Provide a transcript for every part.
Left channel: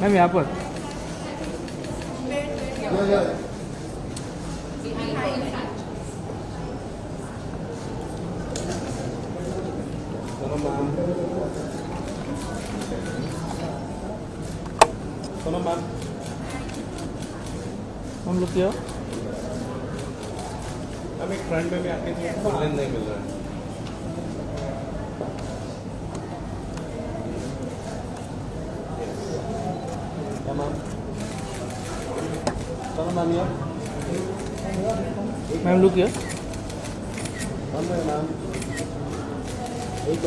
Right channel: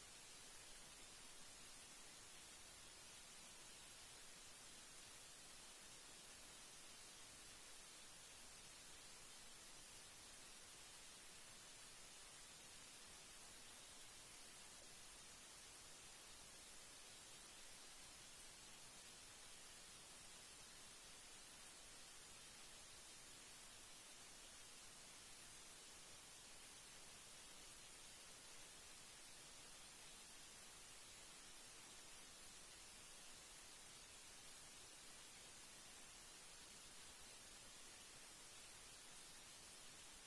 Ma'am यहाँ पर Sonam ma'am हम लोग क्या हम एक फ्रंट में भी आके थे ऑनलाइन नहीं मिल रहा है मैम सोनम मैम यार मैम लोग क्या मैम एक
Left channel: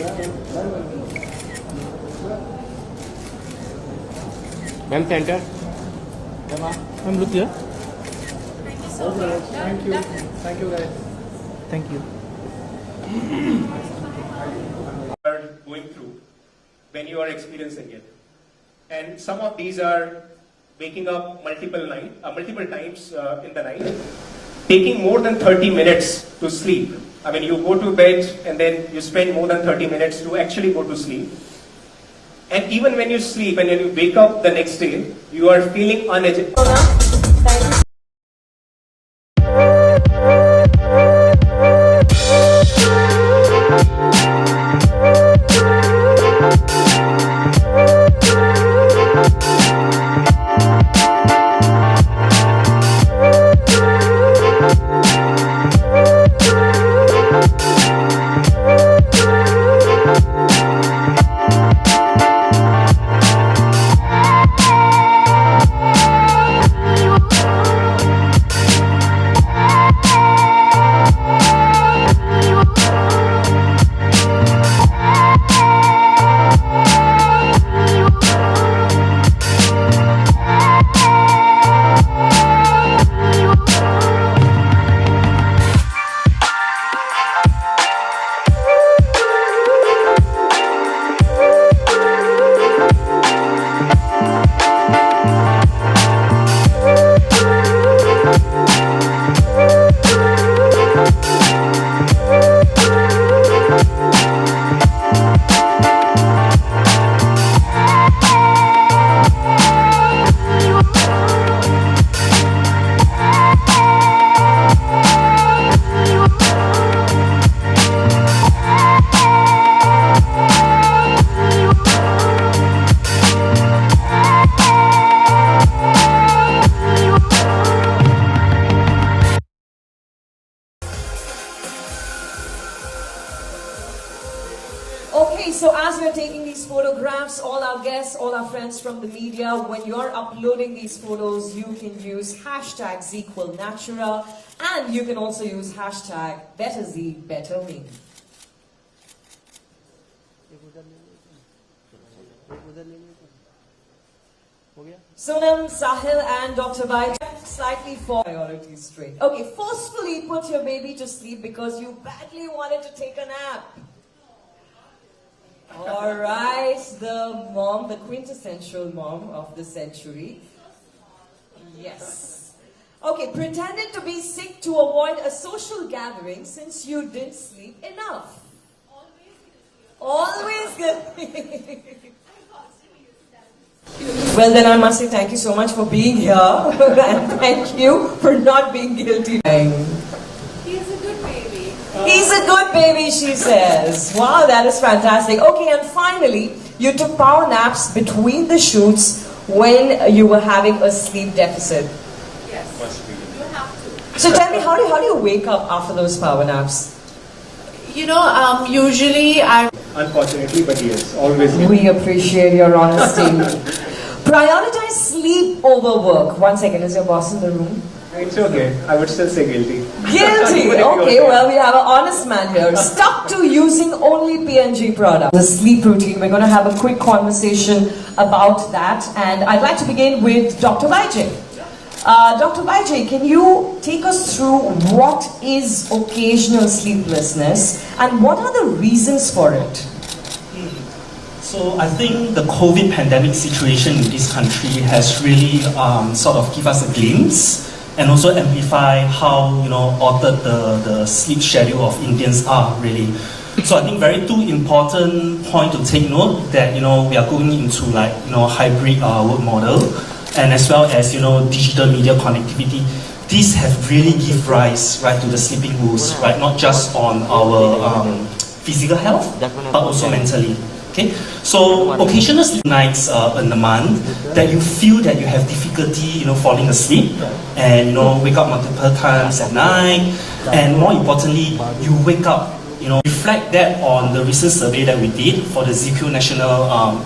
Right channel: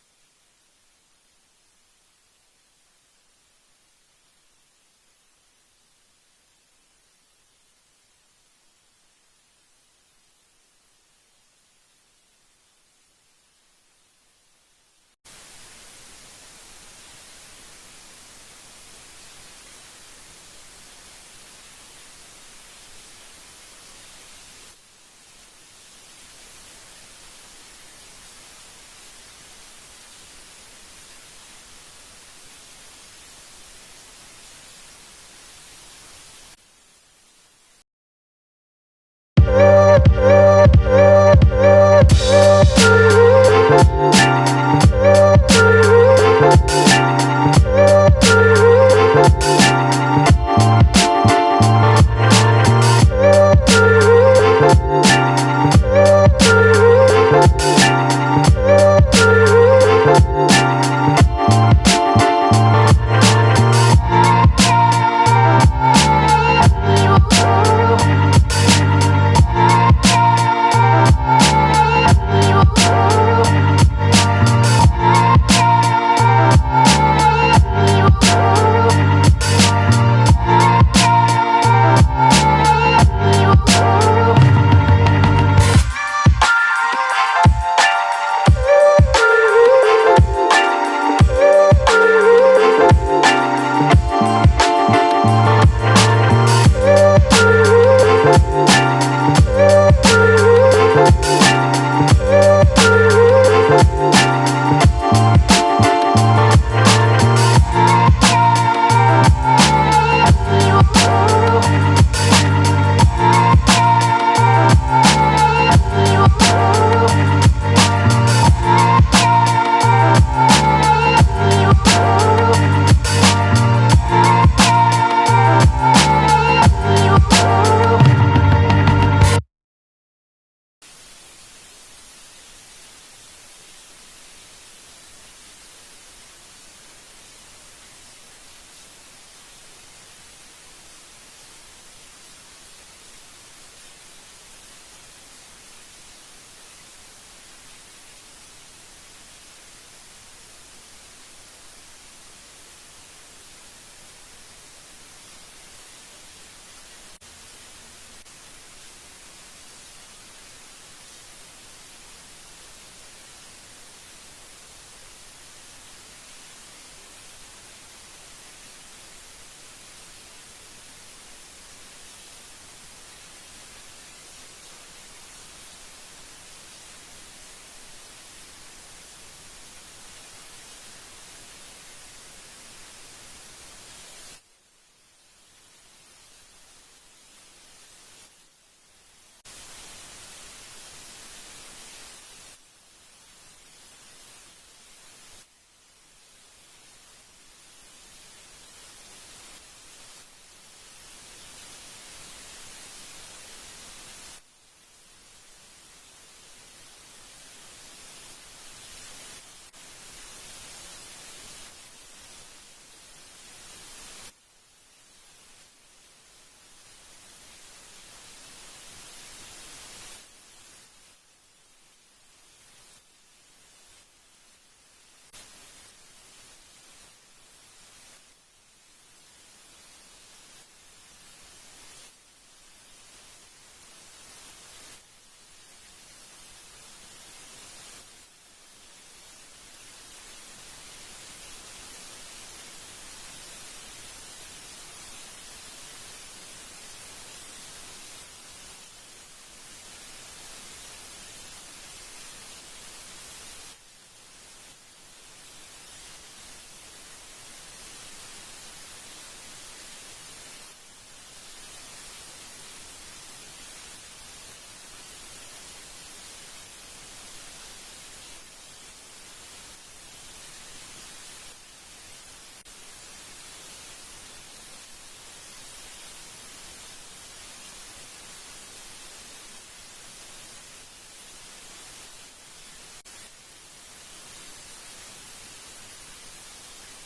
मैम सेंटर मैम लोग क्या thank you guys thank you are going through when you are experiencing it. And some of these are waking up multiple times in the night, taking more than 30 minutes to sleep. I mean, you go to bed and then you spend more than 30 minutes to actually go to sleep. And even when you sleep and when you wake up the next day, you are feeling uneducated. Okay, so as we are taking these photographs, all our guests, all our friends from the media, when you're uploading these photos, you can use hashtag Zzzquil Natura, and you can also use hashtag BetterZ, BetterMe. Sonam, Sahil and Dr. Bai, slightly for priority spray. Okay, forcefully put your baby to sleep because you badly wanted to take a nap. Alright, the mom, the quintessential mom of the century. Yes. Okay, pretended to be sick to avoid a social gathering since you didn't sleep enough. Always good. Well then I must say thank you so much for being here and thank you for not being guilty. He's a good baby. He's a good baby, she says. Wow, that is fantastic. Okay, and finally, you took power naps between the shoots when you were having a sleep deficit. Yes. You have to. So tell me, how do you wake up after those power naps? You know, usually I... Unfortunately, but yes, always. We appreciate your honesty. Prioritize sleep over work. 1 second, is your boss in the room? It's okay. I would still say guilty. Guilty. Okay, well, we have an honest man here. Stuck to using only P&G products. The sleep routine, we're going to have a quick conversation about that. And I'd like to begin with Dr. Vijay. Dr. Vijay, can you take us through what is occasional sleeplessness and what are the reasons for it? So I think the COVID pandemic situation in this country has really sort of give us a glimpse and also amplify how altered the sleep schedule of Indians are really. So I think very two important point to take note that we are going into like hybrid work model, and as well as digital media connectivity. These have really give rise right to the sleeping rules, right? Not just on our physical health, but also mentally. Okay, so occasional sleep nights in the month that you feel that you have difficulty, falling asleep, and wake up multiple times at night, and more importantly, you wake up. Reflect that on the recent survey that we did for the Zzzquil National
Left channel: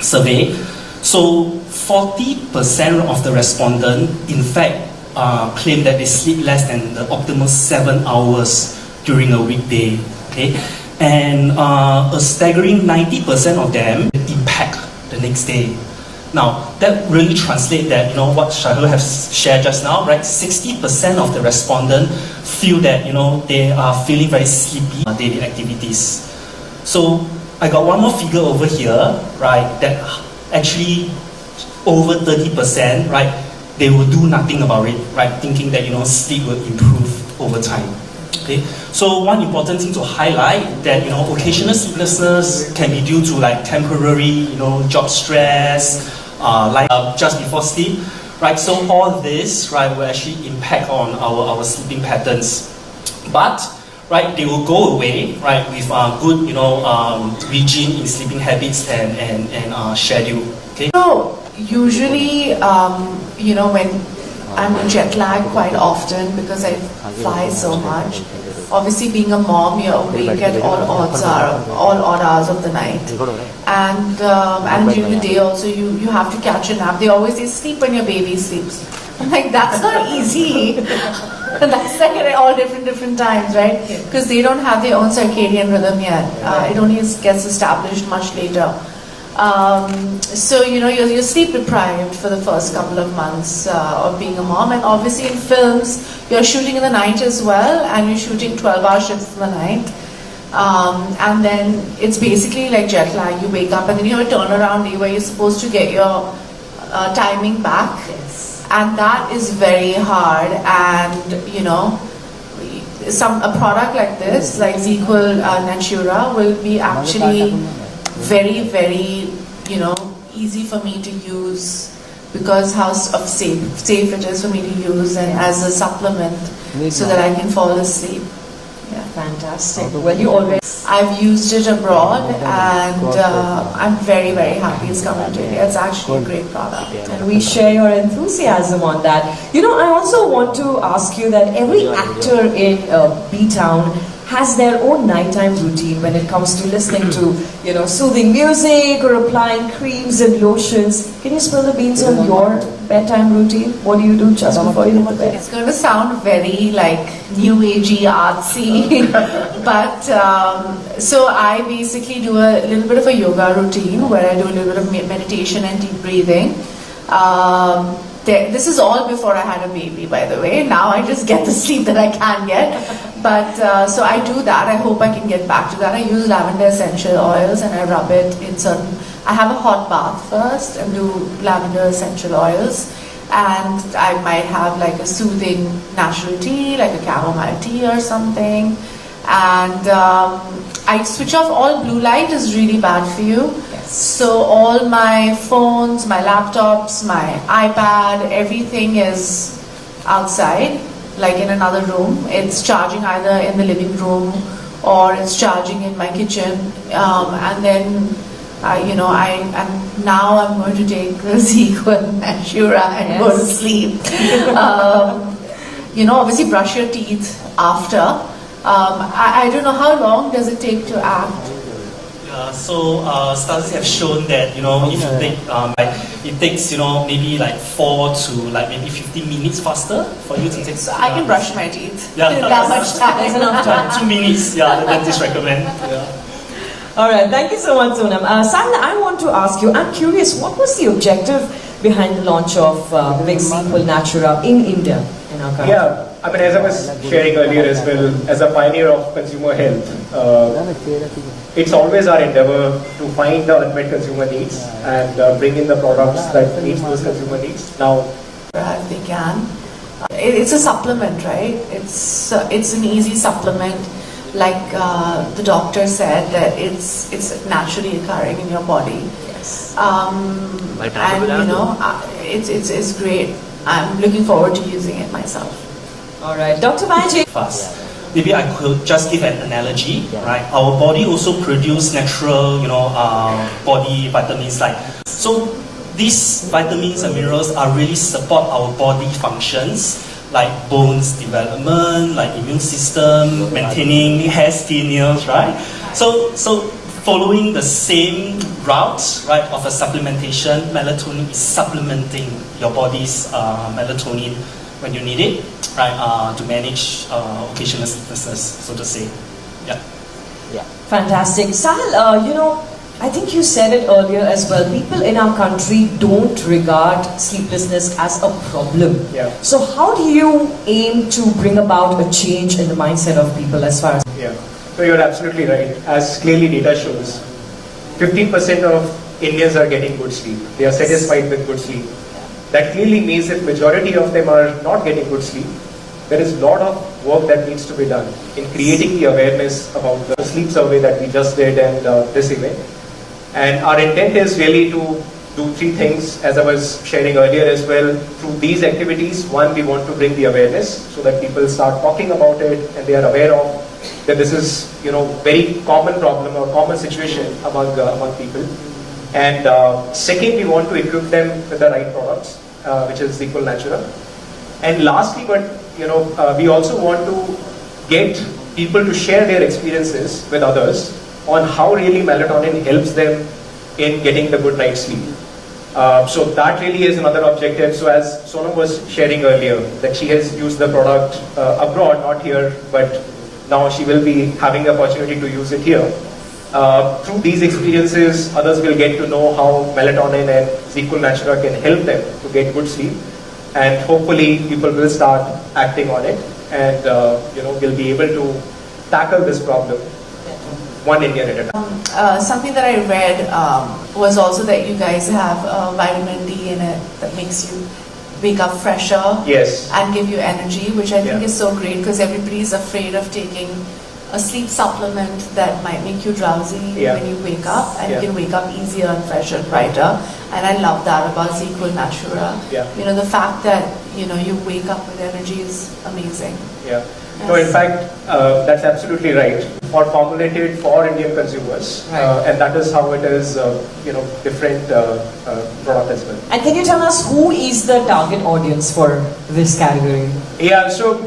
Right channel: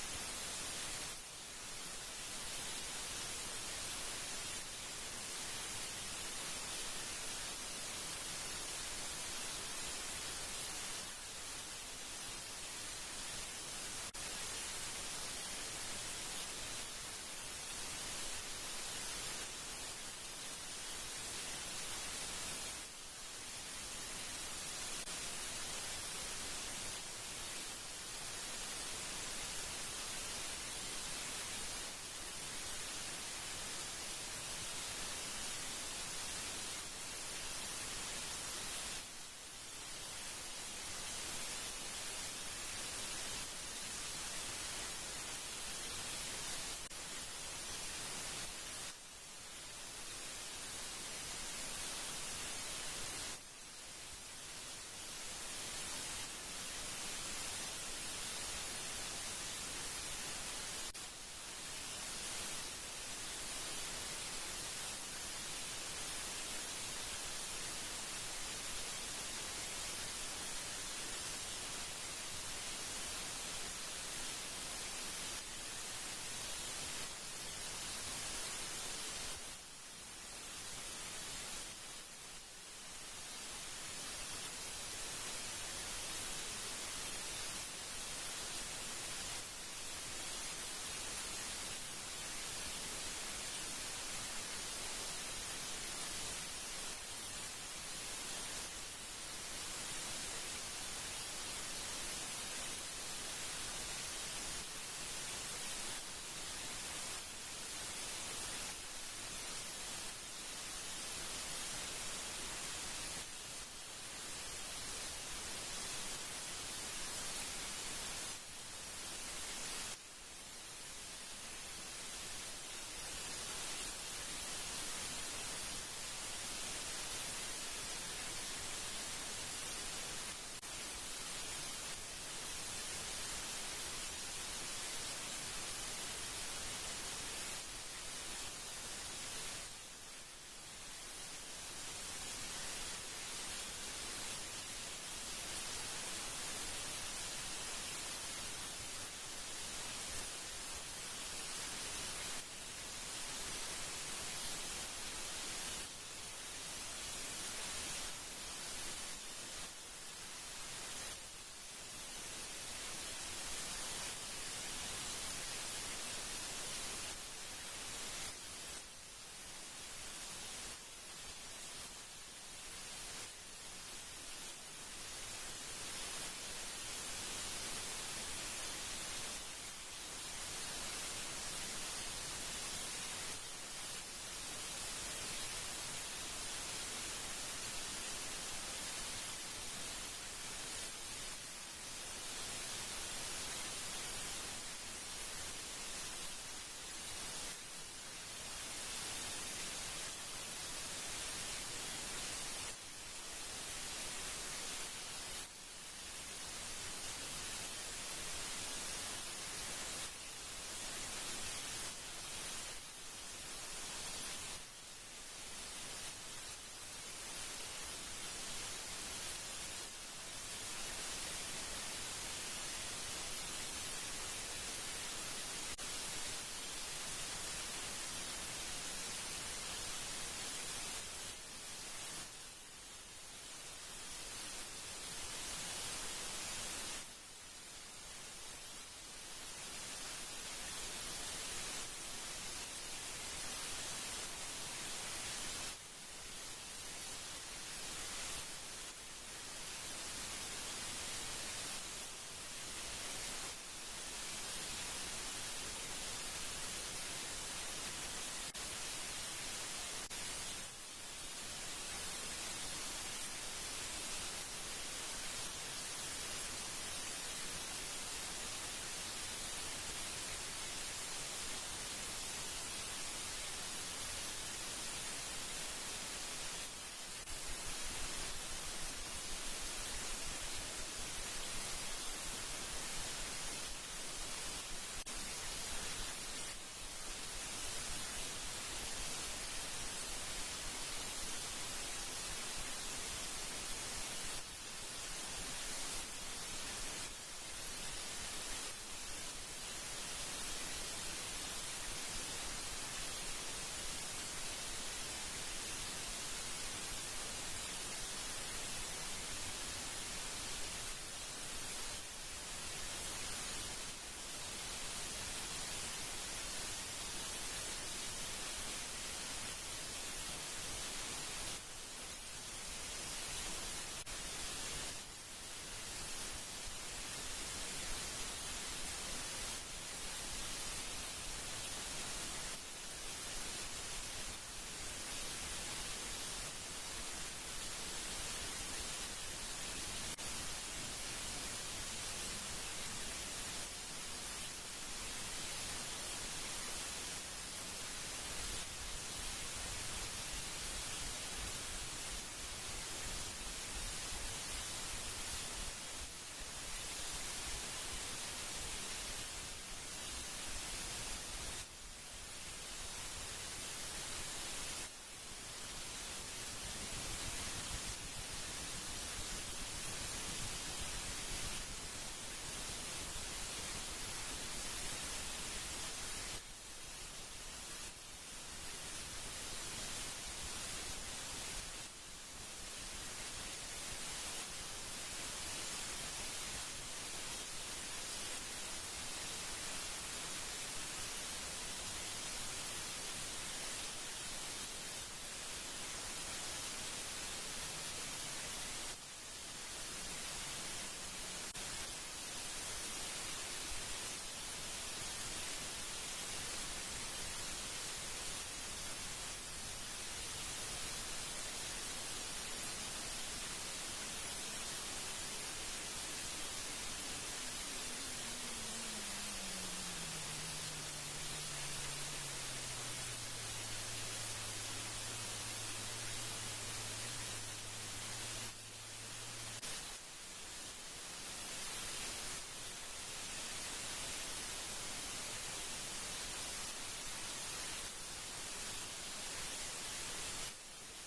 survey. So 40% of the respondents, in fact, claim that they sleep less than the optimal 7 hours during a weekday. Okay, and a staggering 90% of them impact the next day. Now, that really translates that, what Shahil has shared just now, right? 60% of the respondents feel that, they are feeling very sleepy on daily activities. So, I got one more figure over here, right, that actually over 30%, right, they will do nothing about it, right, thinking that, sleep will improve over time. Okay, so one important thing to highlight that occasional sleeplessness can be due to like temporary job stress, just before sleep, right? So all this right will actually impact on our sleeping patterns, but right they will go away right with good regime in sleeping habits and schedule. Okay. So usually when I'm jet lagged quite often because I fly so much. Obviously, being a mom, you're awake at all odd hours of the night, and during the day also you have to catch a nap. They always say sleep when your baby sleeps. I'm like, that's not easy. That's like at all different times, right? Because they don't have their own circadian rhythm yet. It only gets established much later. So you're sleep deprived for the first couple of months of being a mom, and obviously in films you're shooting in the night as well, and you're shooting 12-hour shifts in the night, and then it's basically like jet lag. You wake up and then you have a turnaround day where you're supposed to get your timing back, and that is very hard. And a product like this, like Zzzquil Natura, will be actually very, very, easy for me to use because how safe it is for me to use and as a supplement so that I can fall asleep. Yeah. Fantastic. Well, you already... I've used it abroad and I'm very, very happy it's come into India. It's actually a great product. And we share your enthusiasm on that. I also want to ask you that every actor in B-Town has their own nighttime routine when it comes to listening to, soothing music or applying creams and lotions. Can you spill the beans on your bedtime routine? What do you do just before you go to bed? It's going to sound very new agey, artsy, but so I basically do a little bit of a yoga routine where I do a little bit of meditation and deep breathing. This is all before I had a baby, by the way. Now I just get the sleep that I can get. But so I do that. I hope I can get back to that. I use lavender essential oils and I rub it in certain... I have a hot bath first and do lavender essential oils. And I might have like a soothing natural tea, like a chamomile tea or something. And I switch off all blue light is really bad for you. So all my phones, my laptops, my iPad, everything is outside, like in another room. It's charging either in the living room or it's charging in my kitchen. And then, now I'm going to take the Zzzquil Natura and go to sleep. Obviously brush your teeth after. I don't know, how long does it take to act? So studies have shown that if you take it takes maybe like 4 to maybe 15 minutes faster for you to take. So I can brush my teeth. Yeah, that much time. There's enough time. 2 minutes. Yeah, the dentist recommend. Yeah. All right, thank you so much, Sonam. Sahil, I want to ask you. I'm curious, what was the objective behind the launch of Vicks Zzzquil Natura in India? Yeah. As I was sharing earlier as well, as a pioneer of consumer health, it's always our endeavor to find the unmet consumer needs and bring in the products that meet those consumer needs. Now, if they can. It's a supplement, right? It's an easy supplement. like the doctor said, that it's naturally occurring in your body. Yes. And you know, it's great. I'm looking forward to using it myself. All right, Dr. Magic. Fast. Maybe I could just give an analogy, right? Our body also produce natural, body vitamins like. So these vitamins and minerals are really support our body functions, like bones development, like immune system, maintaining hair, skin, nails, right? So following the same route, right, of a supplementation, melatonin is supplementing your body's melatonin when you need it, right, to manage occasional sleeplessness, so to say. Yeah. Fantastic. Sahil, I think you said it earlier as well. People in our country don't regard sleeplessness as a problem. Yeah. So how do you aim to bring about a change in the mindset of people as far as... Yeah. So you're absolutely right. As clearly data shows, 15% of Indians are getting good sleep. They are satisfied with good sleep. That clearly means if majority of them are not getting good sleep, there is a lot of work that needs to be done in creating the awareness about the sleep survey that we just did and this event. And our intent is really to do 3 things, as I was sharing earlier as well. Through these activities, one, we want to bring the awareness so that people start talking about it and they are aware of that this is, very common problem or common situation among people. And second, we want to equip them with the right products, which is Zzzquil Natura. And lastly, we also want to get people to share their experiences with others on how really melatonin helps them in getting the good night's sleep. So that really is another objective. So as Sonam was sharing earlier, that she has used the product abroad, not here, but now she will be having the opportunity to use it here. Through these experiences, others will get to know how melatonin and Zzzquil Natura can help them to get good sleep. And hopefully people will start acting on it and will be able to tackle this problem one Indian at a time. Something that I read was also that you guys have vitamin D in it that makes you wake up fresher. Yes. And give you energy, which I think is so great because everybody is afraid of taking a sleep supplement that might make you drowsy when you wake up, and you can wake up easier and fresher and brighter. And I love that about Zzzquil Natura. Yeah. The fact that you wake up with energy is amazing. Yeah. No, in fact, that's absolutely right. Or formulated for Indian consumers, and that is how it is, different product as well. And can you tell us who is the target audience for this category? Yeah, so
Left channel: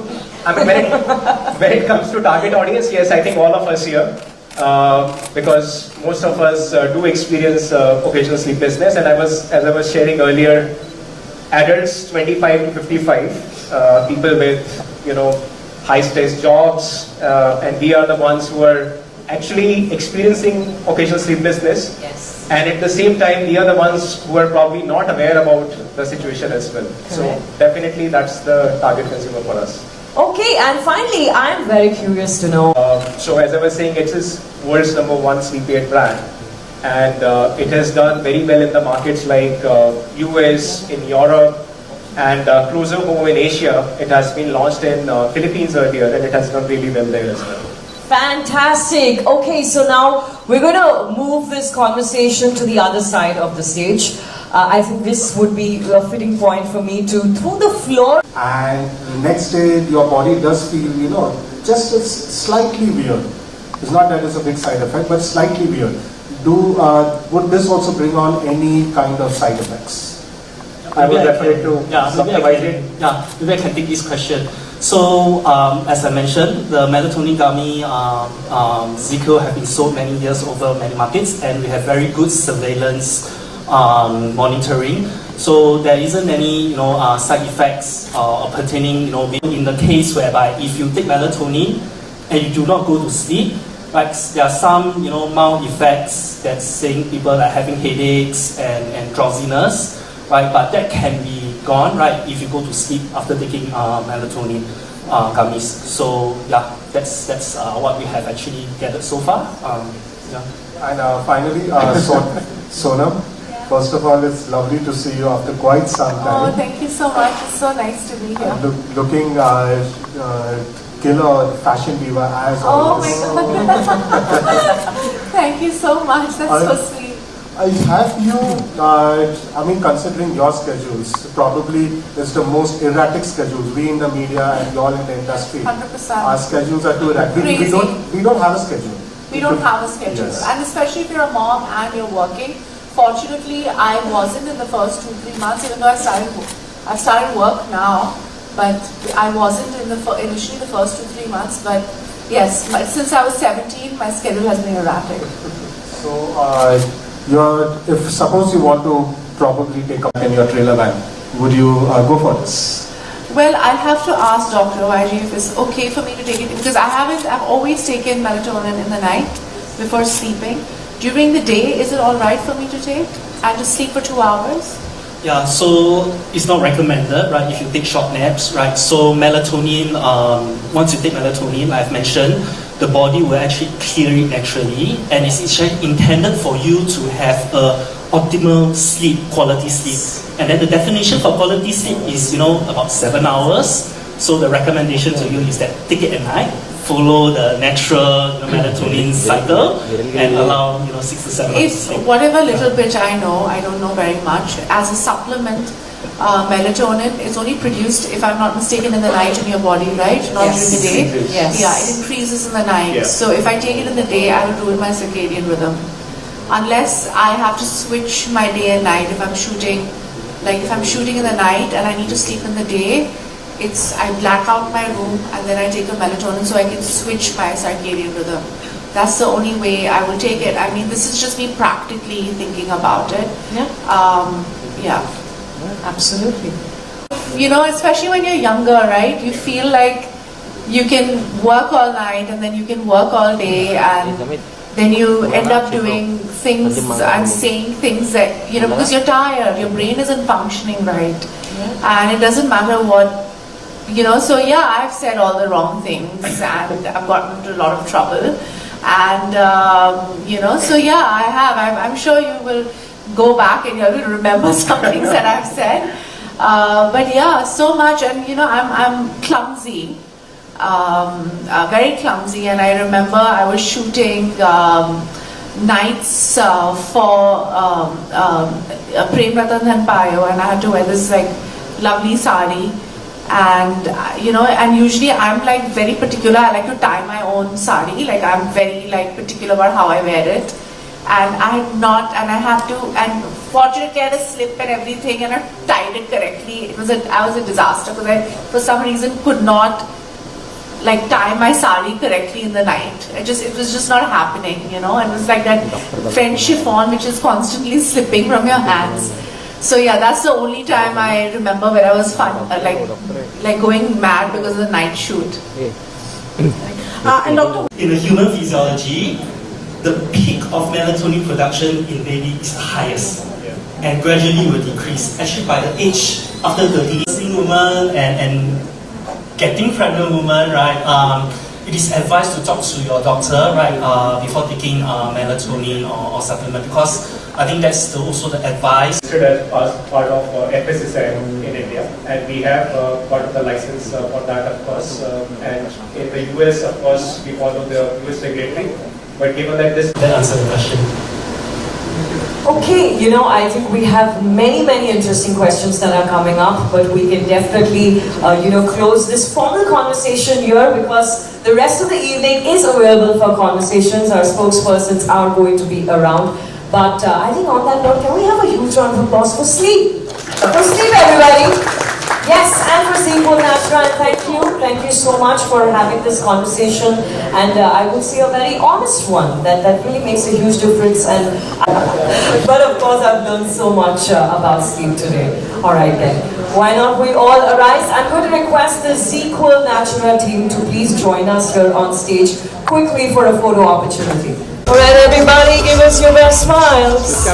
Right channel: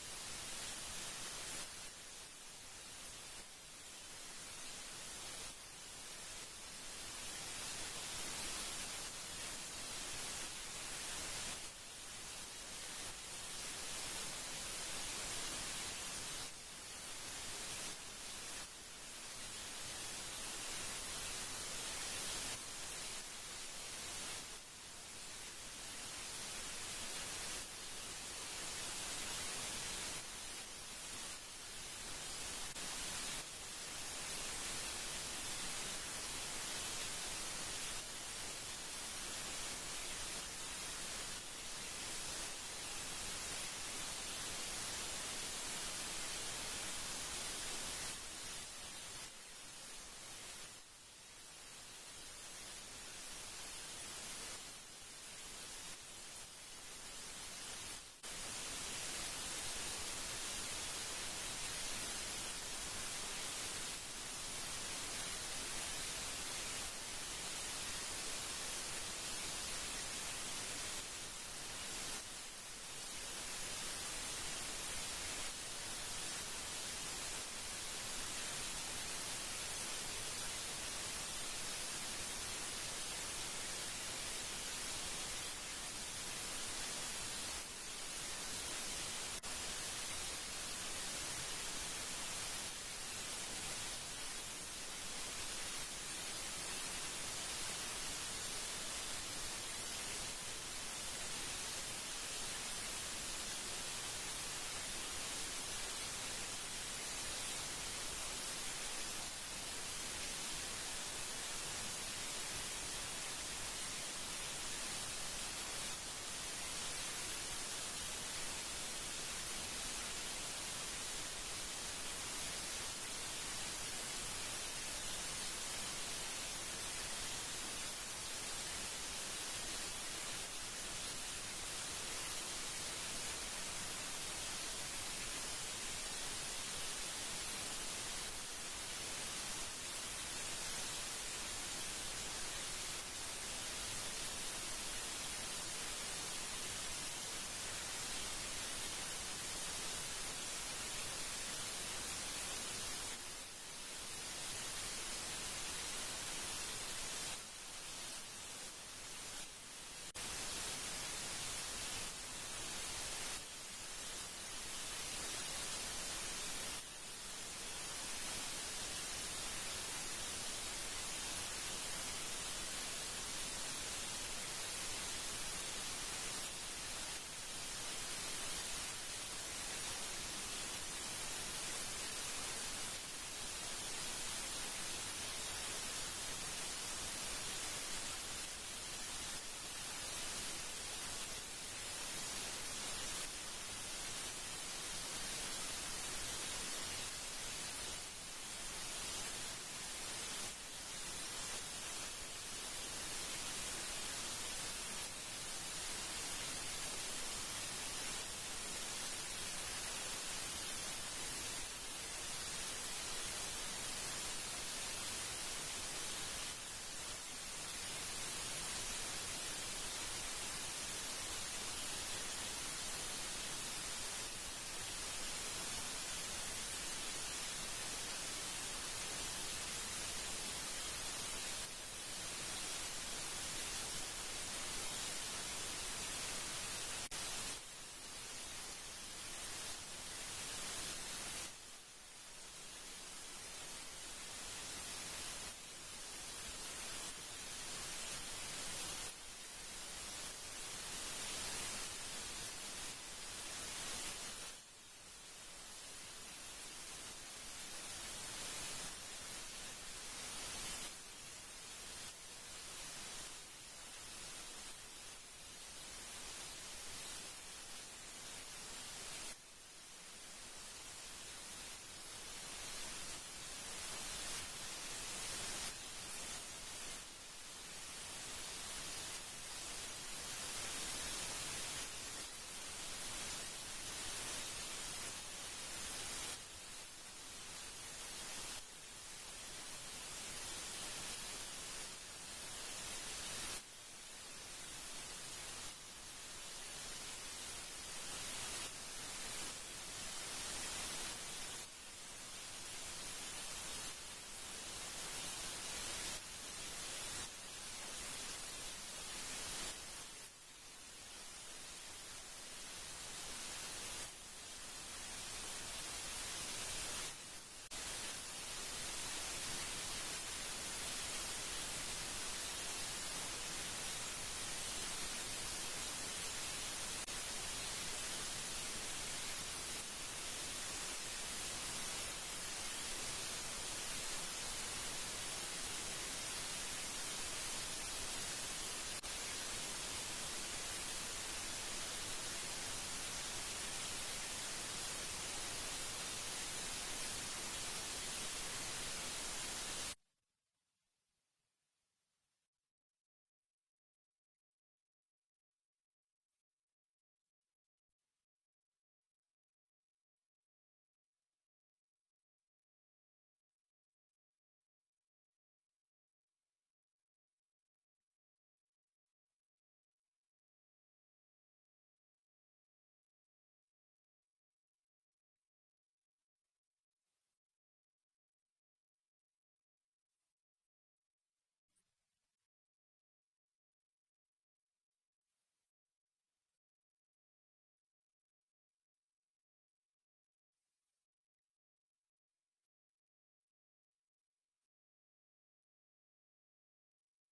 I mean, when it comes to target audience, yes, I think all of us here, because most of us do experience occasional sleeplessness, and as I was sharing earlier, adults 25 to 55, people with high-stress jobs, and we are the ones who are actually experiencing occasional sleeplessness. Yes. And at the same time, we are the ones who are probably not aware about the situation as well. Correct. So definitely that's the target consumer for us. Okay, and finally, I'm very curious to know. So as I was saying, it is world's #1 sleep aid brand. And it has done very well in the markets like US, in Europe, and closer home in Asia. It has been launched in Philippines earlier, and it has done really well there as well. Fantastic. Okay, so now we're going to move this conversation to the other side of the stage. I think this would be a fitting point for me to throw the floor. And the next day, your body does feel, just slightly weird. It's not that it's a big side effect, but slightly weird. Would this also bring on any kind of side effects? I would refer it to maybe I can take this question. So, as I mentioned, the melatonin gummy Zzzquil have been sold many years over many markets, and we have very good surveillance monitoring. So there isn't any side effects pertaining in the case whereby if you take melatonin and you do not go to sleep, right, there are some mild effects that's saying people are having headaches and drowsiness. Right, but that can be gone, right, if you go to sleep after taking melatonin gummies. So yeah, that's what we have actually gathered so far. And finally, Sonam, first of all, it's lovely to see you after quite some time. Oh, thank you so much. It's so nice to be here. Looking killer fashion diva as Oh always. my God. Thank you so much. That's so sweet. Have you, I mean, considering your schedules, probably it's the most erratic schedules. We in the media and you all in the industry, 100%. our schedules are too erratic. We don't have a schedule. We don't have a schedule. Yes. And especially if you're a mom and you're working. Fortunately, I wasn't in the first 2-3 months, even though I've started work now, but I wasn't in initially the first 2-3 months. But yes, since I was 17, my schedule has been erratic. So, if suppose you want to probably take up in your trailer van, would you go for this? Well, I'll have to ask Dr. YG if it's okay for me to take it, because I've always taken melatonin in the night before sleeping. During the day, is it all right for me to take and just sleep for 2 hours? Yeah, so it's not recommended, right, if you take short naps, right? So melatonin, once you take melatonin, I've mentioned, the body will actually clear it naturally, and it's actually intended for you to have a optimal sleep, quality sleep. And then the definition for quality sleep is, about 7 hours. So the recommendation to you is that take it at night, follow the natural melatonin cycle, and allow 6 to 7 hours. If whatever little bit I know, I don't know very much, as a supplement, melatonin is only produced, if I'm not mistaken, in the night in your body, right? Not during the day. Yes. Yeah, it increases in the night. Yeah. So if I take it in the day, I will ruin my circadian rhythm. Unless I have to switch my day and night. If I'm shooting, if I'm shooting in the night and I need to sleep in the day, I black out my room and then I take a melatonin so I can switch my circadian rhythm. That's the only way I will take it. I mean, this is just me practically thinking about it. Yeah. Yeah. Absolutely. Especially when you're younger, right? You feel like you can work all night and then you can work all day, and then you end up doing things and saying things that, because you're tired, your brain isn't functioning right. And it doesn't matter what, so yeah, I've said all the wrong things and I've gotten into a lot of trouble. And, so yeah, I have. I'm sure you will go back and you will remember some things that I've said. But yeah, so much. And, I'm clumsy. Very clumsy, and I remember I was shooting nights for Prem Ratan Dhan Payo, and I had to wear this lovely sari, and and usually I'm very particular. I like to tie my own sari. I'm very particular about how I wear it, and I had not, and I had to, and fortunately I had a slip and everything, and I tied it correctly. I was a disaster because I, for some reason, could not tie my sari correctly in the night. It was just not happening, and it was like that French chiffon which is constantly slipping from your hands. So yeah, that's the only time I remember where I was going mad because of the night shoot. And Dr. In the human physiology, the peak of melatonin production in baby is the highest, and gradually will decrease. Actually, by the age after 30, woman and getting pregnant woman, right? It is advised to talk to your doctor, right, before taking melatonin or supplement, because I think that's also the advice. As part of FSSAI in India, and we have part of the license for that, of course. And in the US, of course, we follow the US regulatory. But given that this, That answers the question. Okay, I think we have many interesting questions that are coming up, but we can definitely, close this formal conversation here, because the rest of the evening is available for conversations. Our spokespersons are going to be around. But I think on that note, can we have a huge round of applause for sleep? For sleep, everybody. Yes, and for Zzzquil Natura, and thank you so much for having this conversation, and I would say a very honest one that really makes a huge difference. And but of course, I've learned so much about sleep today. All right then, why not we all arise? I'm going to request the Zzzquil Natura team to please join us here on stage quickly for a photo opportunity. All right, everybody, give us your best smiles.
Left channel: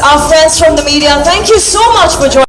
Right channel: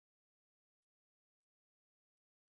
our friends from the media, thank you so much for joining.